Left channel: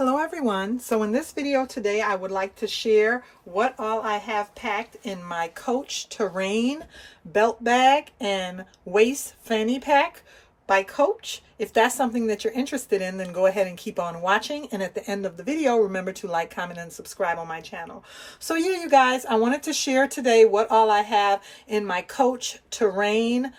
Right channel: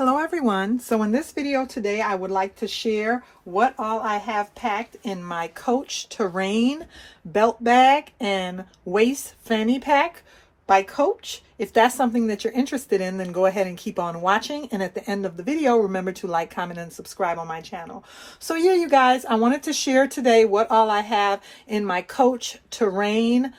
Hello everyone. So in this video today I would like to share what all I have packed in my Coach Terrain belt bag and waist fanny pack by Coach. If that's something that you're interested in, then go ahead and keep on watching, and at the end of the video remember to like, comment, and subscribe on my channel. So yeah, you guys, I wanted to share today what all I have in my Coach Terrain.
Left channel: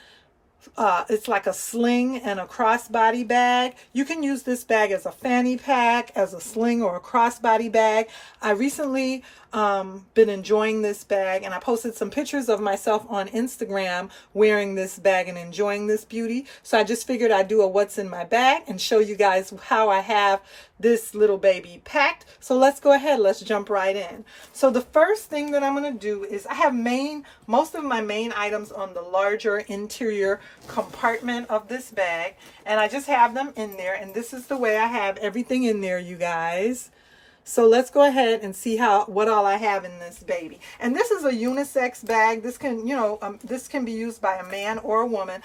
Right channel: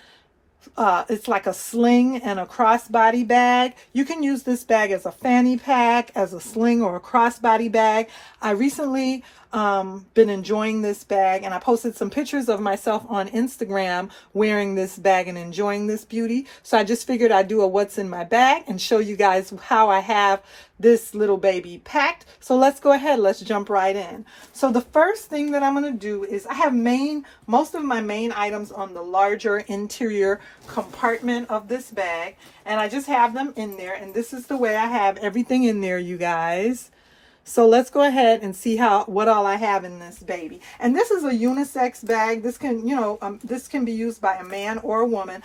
It's like a sling and a crossbody bag. You can use this bag as a fanny pack, as a sling, or a crossbody bag. I recently been enjoying this bag, and I posted some pictures of myself on Instagram wearing this bag and enjoying this beauty. So I just figured I'd do a what's in my bag and show you guys how I have this little baby packed. So let's go ahead, let's jump right in. So the first thing that I'm going to do is I have most of my main items on the larger interior compartment of this bag, and I just have them in there, and this is the way I have everything in there, you guys. So let's go ahead and see what all I have in this baby. And this is a unisex bag. This can, this can be used by a man or a woman.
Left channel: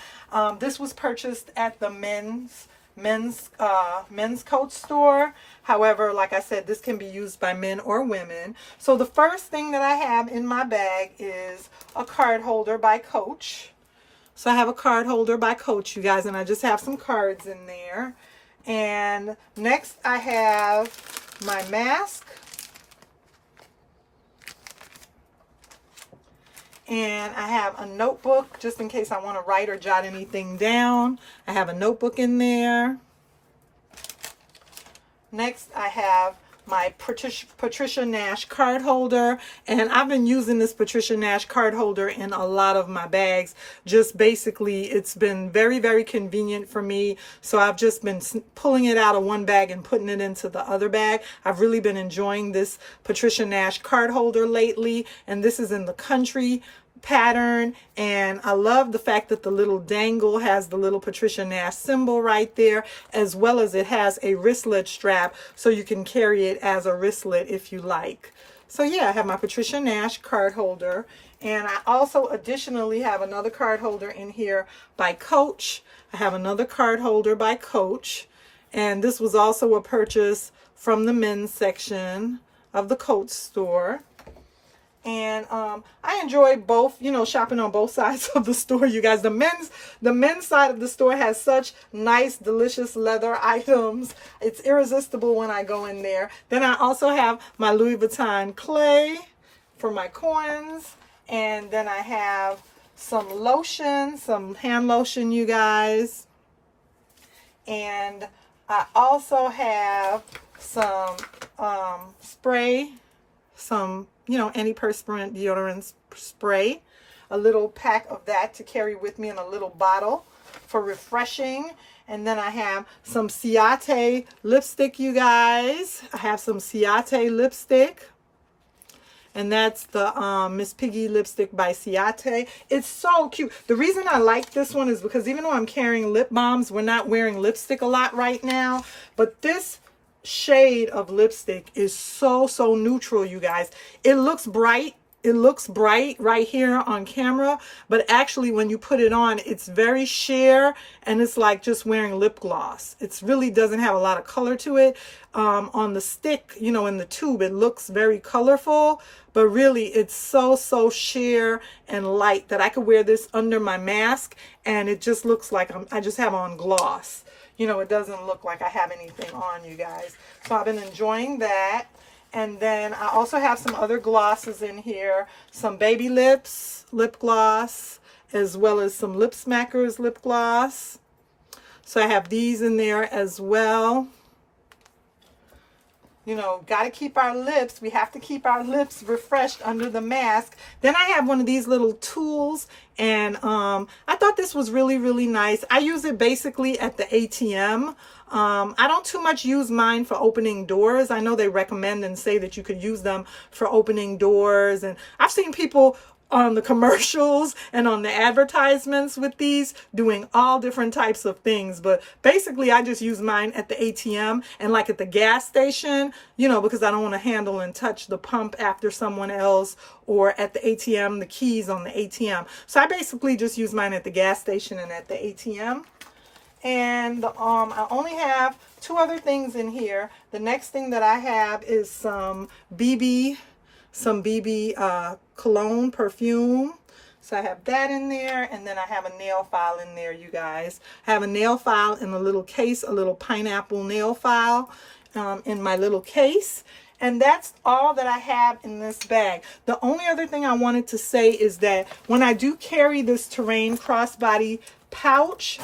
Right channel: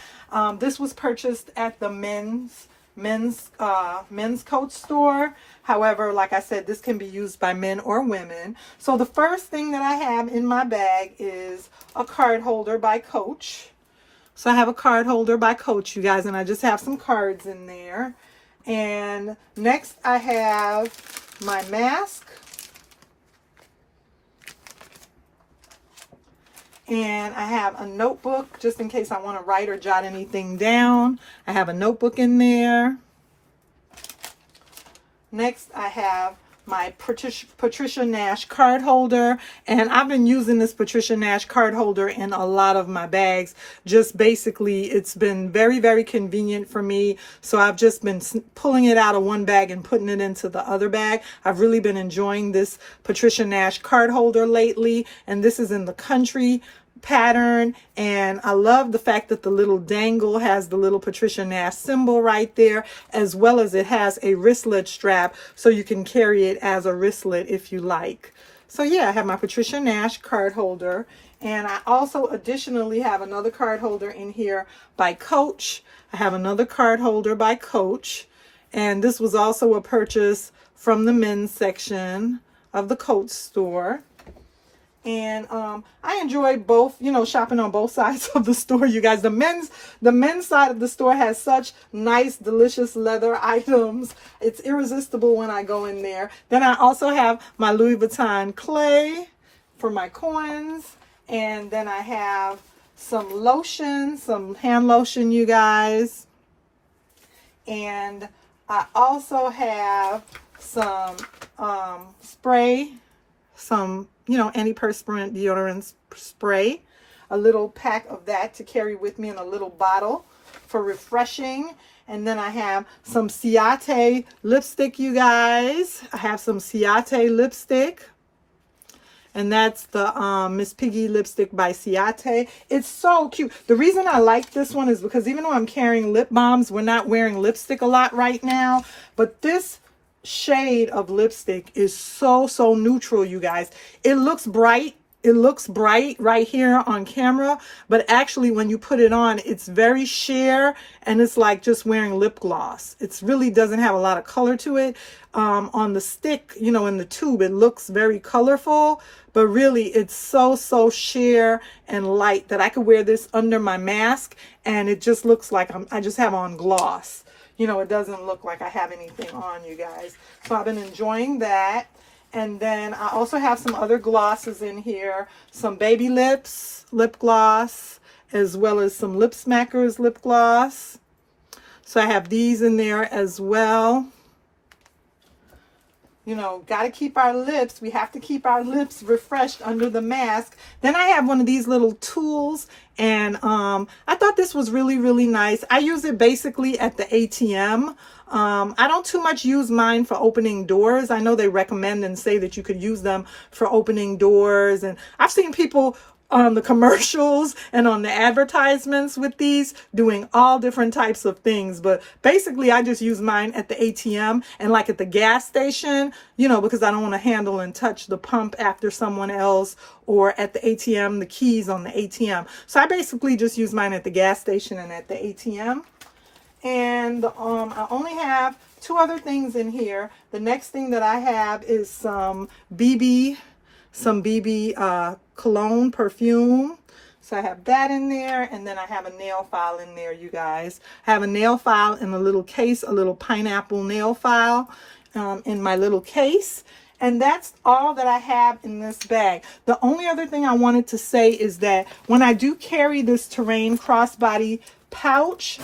This was purchased at the men's coat store. However, like I said, this can be used by men or women. So the first thing that I have in my bag is a card holder by Coach. So I have a card holder by Coach, you guys, and I just have some cards in there. And next I have my mask, and I have a notebook just in case I want to write or jot anything down. I have a notebook in there. Next I have my Patricia Nash card holder, and I've been using this Patricia Nash card holder in a lot of my bags. Just basically, it's been very, very convenient for me. So I've just been pulling it out of one bag and putting it into the other bag. I've really been enjoying this Patricia Nash card holder lately, and this is in the country pattern, and I love the fact that the little dangle has the little Patricia Nash symbol right there, as well as it has a wristlet strap so you can carry it as a wristlet if you like. So yeah, I have my Patricia Nash card holder, and I also additionally have another card holder in here by Coach. I have another card holder by Coach, and this was also a purchase from the men's section of the Coach store. And I enjoy both, shopping on both sides of the store, you guys. The men's side of the store has such nice, delicious leather items. It's irresistible when I go in there. Then I also have my Louis Vuitton clay for my coins. And then I have some lotion, some hand lotion, you guys. And I also have some spray, some antiperspirant deodorant spray, a little pack of that to carry with me in a little bottle for refreshing. And then I have some Ciate lipstick, you guys. I have some Ciate lipstick, and that's the Miss Piggy lipstick by Ciate. It's so cute. The reason I like this one is because even though I'm carrying lip balms, we're not wearing lipstick a lot right now, but this shade of lipstick is so neutral, you guys. It looks bright right here on camera, but actually when you put it on, it's very sheer, and it's like just wearing lip gloss. It really doesn't have a lot of color to it. On the stick, in the tube, it looks very colorful, but really it's so sheer and light that I could wear this under my mask, and it just looks like I just have on gloss. It doesn't look like I have anything on, you guys. So I've been enjoying that. And then I also have some other glosses in here. Some Baby Lips lip gloss, as well as some Lip Smackers lip gloss. So I have these in there as well. Got to keep our lips. We have to keep our lips refreshed under the mask. Then I have one of these little tools, and I thought this was really nice. I use it basically at the ATM. I don't too much use mine for opening doors. I know they recommend and say that you could use them for opening doors, and I've seen people on the commercials and on the advertisements with these doing all different types of things, but basically I just use mine at the ATM and like at the gas station, because I don't want to handle and touch the pump after someone else, or at the ATM, the keys on the ATM. So I basically just use mine at the gas station and at the ATM. And I only have two other things in here. The next thing that I have is some BB cologne perfume. So I have that in there, and then I have a nail file in there, you guys. I have a nail file in a little case, a little pineapple nail file in my little case. And that's all that I have in this bag. The only other thing I wanted to say is that when I do carry this Terrain crossbody pouch,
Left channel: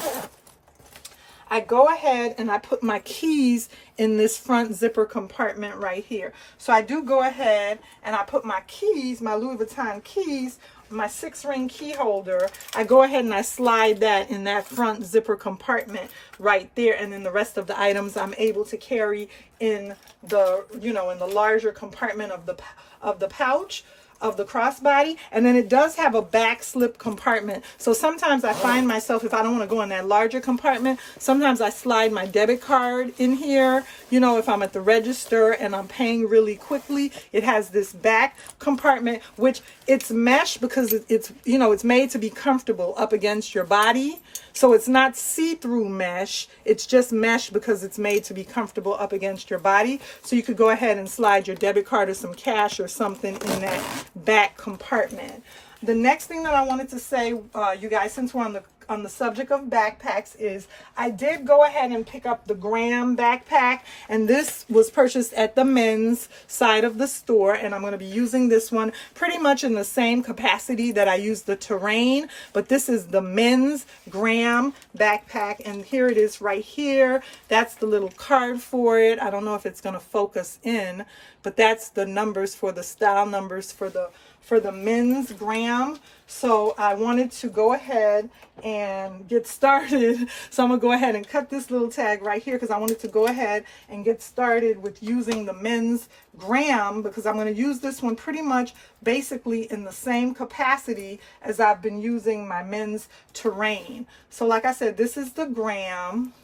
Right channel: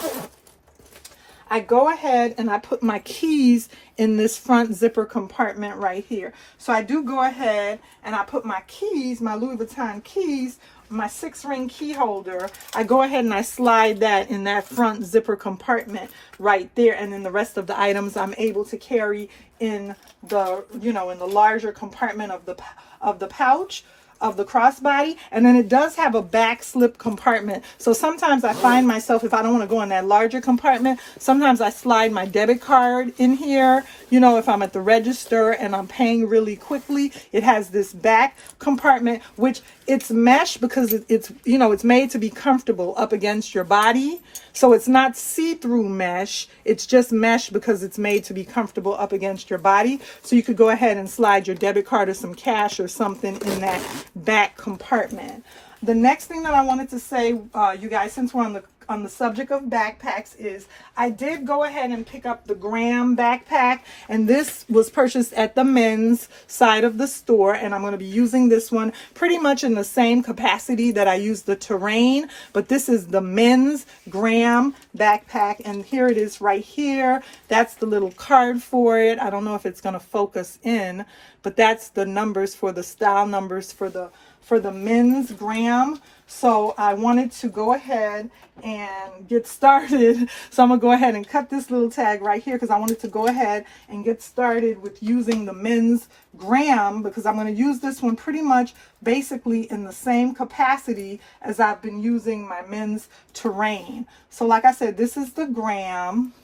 I go ahead and I put my keys in this front zipper compartment right here. So I do go ahead and I put my keys, my Louis Vuitton keys, my 6-ring key holder, I go ahead and I slide that in that front zipper compartment right there, and then the rest of the items I'm able to carry in the, you know, in the larger compartment of the pouch of the crossbody. And then it does have a back slip compartment. So sometimes I find myself, if I don't want to go in that larger compartment, sometimes I slide my debit card in here. You know, if I'm at the register and I'm paying really quickly, it has this back compartment, which it's mesh because it's, you know, it's made to be comfortable up against your body. So it's not see-through mesh, it's just mesh because it's made to be comfortable up against your body. So you could go ahead and slide your debit card or some cash or something in that back compartment. The next thing that I wanted to say, you guys, since we're on the subject of backpacks, is I did go ahead and pick up the Graham backpack, and this was purchased at the men's side of the store, and I'm going to be using this one pretty much in the same capacity that I use the Terrain, but this is the men's Graham backpack, and here it is right here. That's the little card for it. I don't know if it's going to focus in, but that's the numbers for the style numbers for the men's Graham. So I wanted to go ahead and get started. So I'm gonna go ahead and cut this little tag right here because I wanted to go ahead and get started with using the men's Graham, because I'm gonna use this one pretty much basically in the same capacity as I've been using my men's Terrain. So like I said, this is the Graham.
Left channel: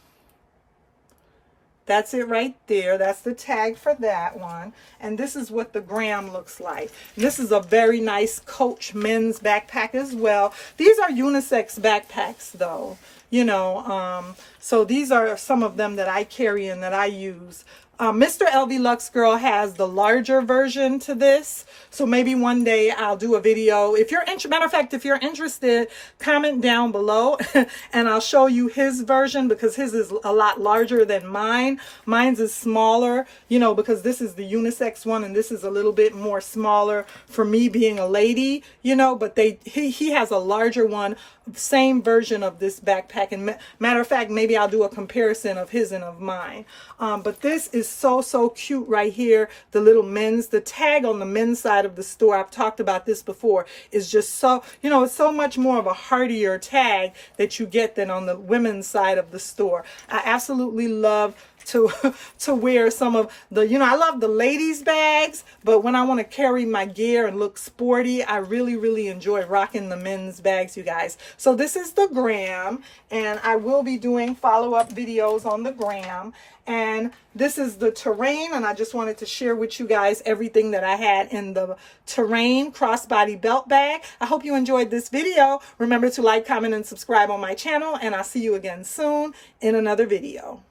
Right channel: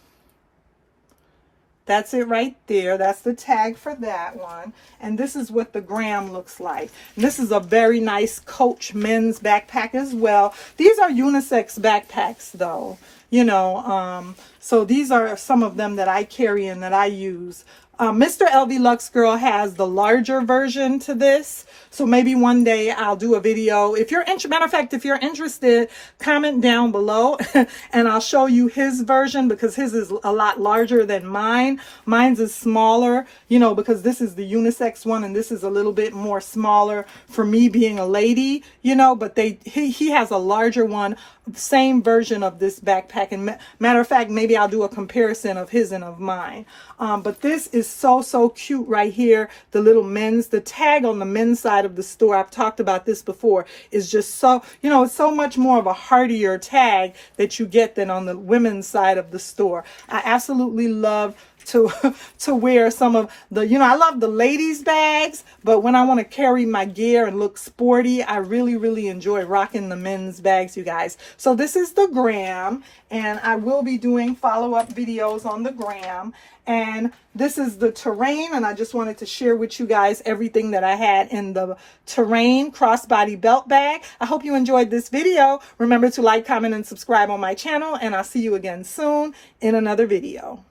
That's it right there. That's the tag for that one. And this is what the Graham looks like. This is a very nice Coach men's backpack as well. These are unisex backpacks though, you know. So these are some of them that I carry and that I use. Mr. Lvluxegirl has the larger version to this. So maybe one day I'll do a video. If you're interested, matter of fact, if you're interested, comment down below and I'll show you his version, because his is a lot larger than mine. Mine's is smaller, you know, because this is the unisex one and this is a little bit more smaller for me being a lady, you know, but he has a larger one, same version of this backpack. And matter of fact, maybe I'll do a comparison of his and of mine. But this is so cute right here. The little men's, the tag on the men's side of the store, I've talked about this before, is just so, you know, it's so much more of a heartier tag that you get than on the women's side of the store. I absolutely love to wear some of the, you know, I love the ladies bags, but when I want to carry my gear and look sporty, I really enjoy rocking the men's bags, you guys. So this is the Graham, and I will be doing follow-up videos on the Graham. And this is the Terrain, and I just wanted to share with you guys everything that I had in the Terrain crossbody belt bag. I hope you enjoyed this video. Remember to like, comment, and subscribe on my channel, and I'll see you again soon in another video.